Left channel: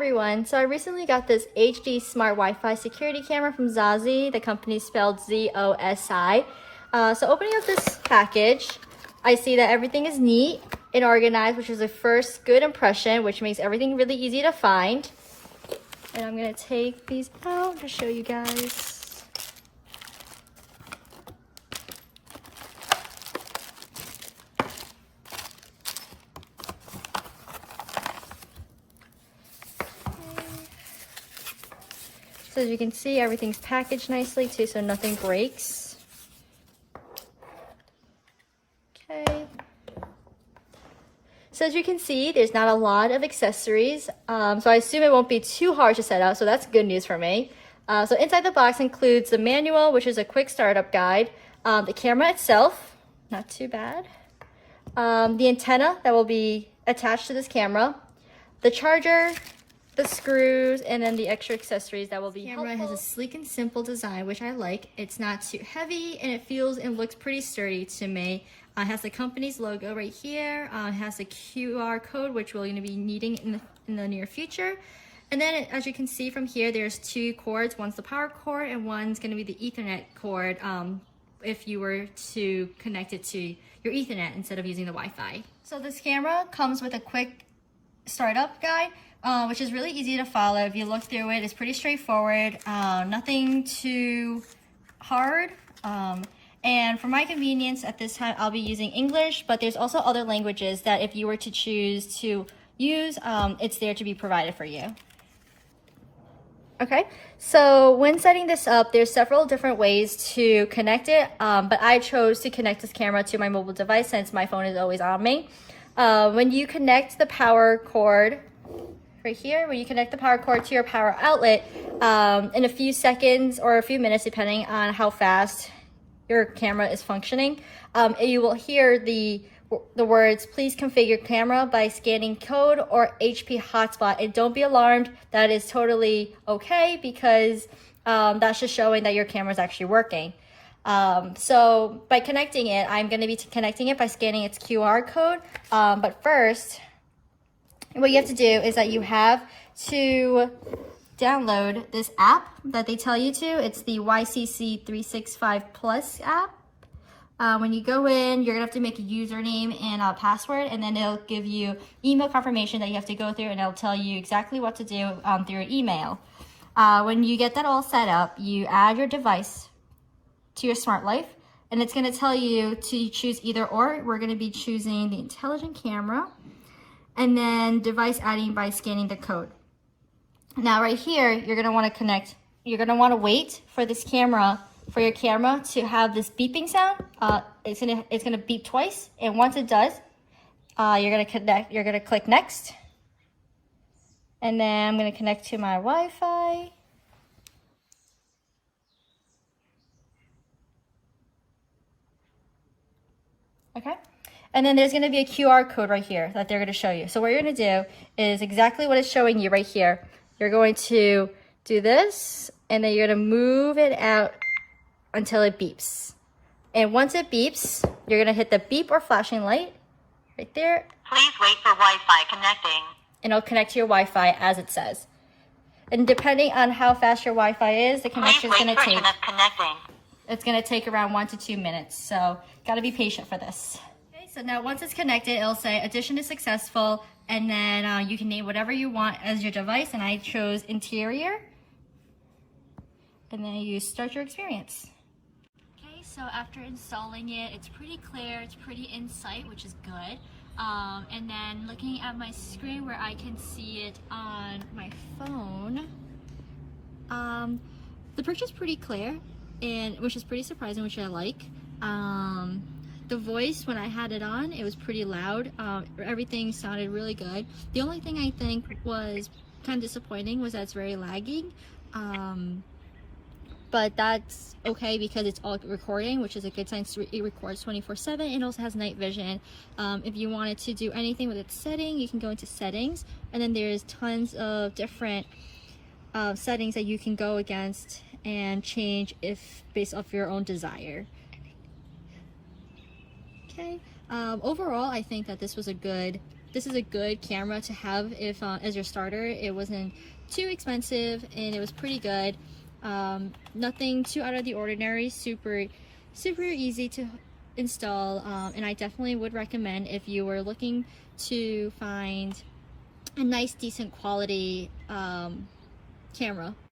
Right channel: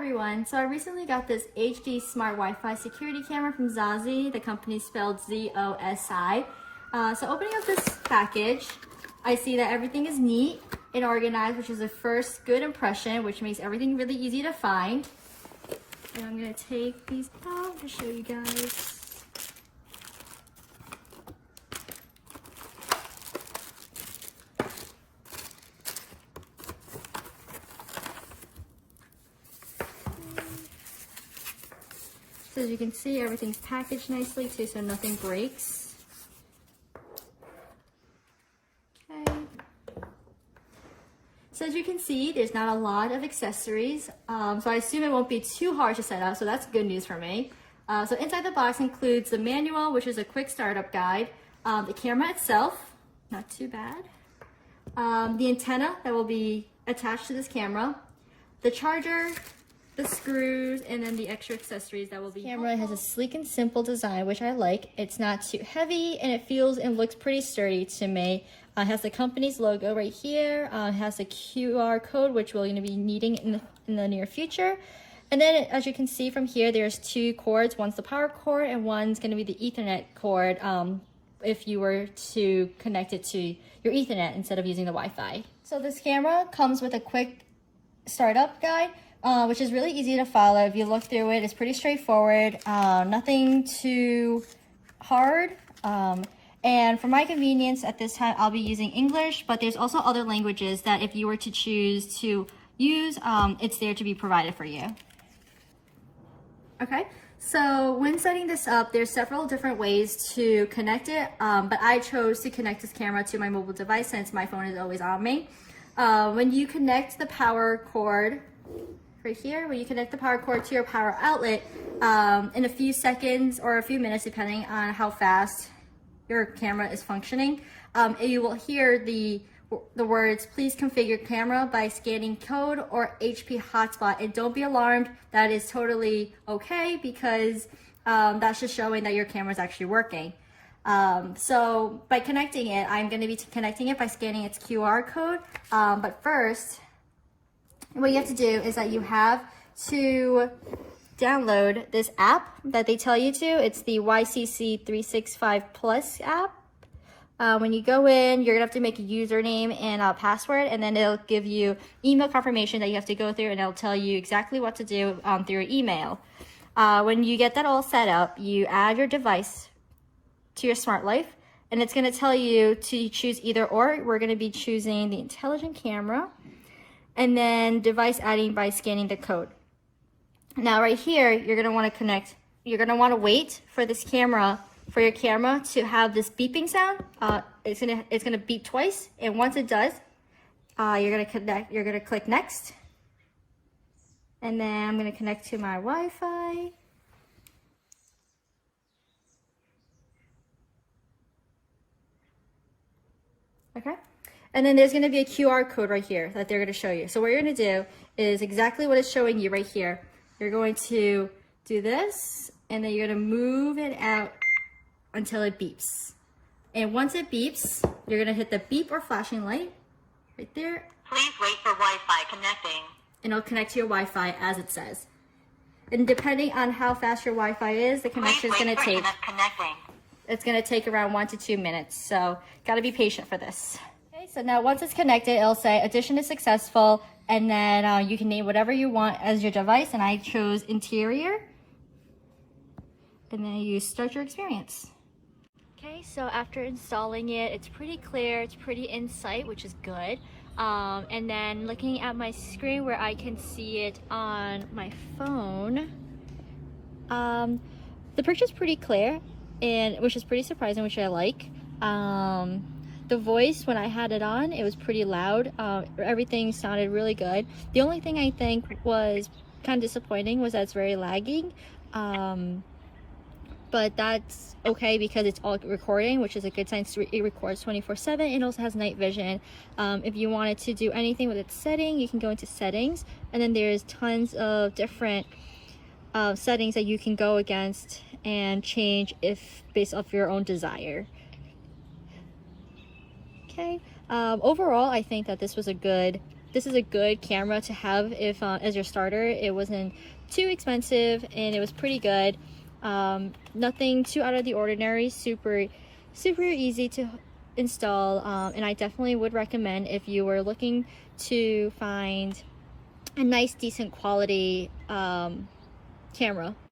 everyone, so I recently got this HD Smart Wi-Fi security camera from ZOSI. The company is spelled ZOSI. So opening up this package, I see that everything is neat and organized, which is a first good impression, which makes everything really easy to find. And I'm going to take these out to show you guys. So as you can see, everything's packaged nicely too, so nothing breaks. Okay. So as you can see, there's not a lot of accessories, so I assume it won't be too hard to set up, so that's good news for me. So inside the box includes the manual, which is a quick startup guide, the camera itself, not too bad, the antenna that will be attached to this camera, the charger, the screws, and then the extra accessories that will be. The camera has a sleek and simple design, which I like. It's not too heavy, and it feels and looks pretty sturdy to me. It has the company's logo right here. It has a QR code, which we're going to be needing in the near future. And then, as you can see from here, there's two cords. One's the power cord, and one's going to be the Ethernet cord if you were to connect it to your Ethernet instead of using the Wi-Fi. So this camera comes with a quick startup guide, which is really easy to follow. If you look through it, it's pretty straightforward, nothing too hard. And for my convenience at this time, I'll be using English, but there's also other languages that if you were to choose to use, it's there to be provided for you. Okay, so when setting this up, there's several different ways to connect it, but I chose to connect this camera to my mobile device since my phone is always on me. When you connect the power cord, right here, when you connect the power cord to your power outlet, in a few seconds or a few minutes, depending on how fast your camera is functioning, you will hear the words, "Please configure camera by scanning code or HP hotspot." And don't be alarmed, that is totally okay because that's just showing that your camera is actually working. So by connecting it, I'm going to be connecting it by scanning its QR code. But first, what you have to do is that you have to download this app that they tell you to. It's the YCC 365 Plus app. When you go in, you're gonna have to make a username and a password, and then it'll give you email confirmation that you have to go through, and it'll tell you exactly what to do through your email. When you get that all set up, you add your device to your smart life, and it's gonna tell you to choose either or. We're gonna be choosing the intelligent camera, and then device adding by scanning the code. Now right here, you're gonna wanna connect, you're gonna wanna wait for this camera, for your camera to have this beeping sound. It's gonna beep twice, and once it does, you're gonna click next. And then I'm gonna connect to my Wi-Fi. Okay. And then there's going to be a QR code right here that they're going to show you. So what you're going to do is exactly what it's showing you right here. You're going to do this, and then you're going to move it out until it beeps. And once it beeps, you're going to hit the beep or flashing light right there. Please wait for Wi-Fi connecting. And it'll connect to your Wi-Fi as it says. And depending on how fast your Wi-Fi is, the connection is going to take. It's going to take around 1 to 2 minutes. So got to be patient for this. So now once it's connected, it'll say addition is successful, and then you can name whatever you want as your device, and I chose interior, and then you start your experience. Okay, so after installing it, it's pretty clear, it's pretty in sight, which is good. And then looking at my screen where I can see it on my phone, the picture is pretty clear, and which is pretty surprising, which I like. The voice, when I had it on, it was pretty loud. Everything sounded really good. The only thing I think was kind of disappointing was that it's very lagging. But that's okay because it's all recording, which is a good sign. It records 24/7. It also has night vision. If you wanted to do anything with its setting, you can go into settings, and then there's tons of different settings that you can go against and change if based off your own desire. Okay. Overall, I think that this was a good this is a good camera to have if as your starter. It wasn't too expensive and it was pretty good. Nothing too out of the ordinary, super easy to install, and I definitely would recommend if you were looking to find a nice decent quality camera.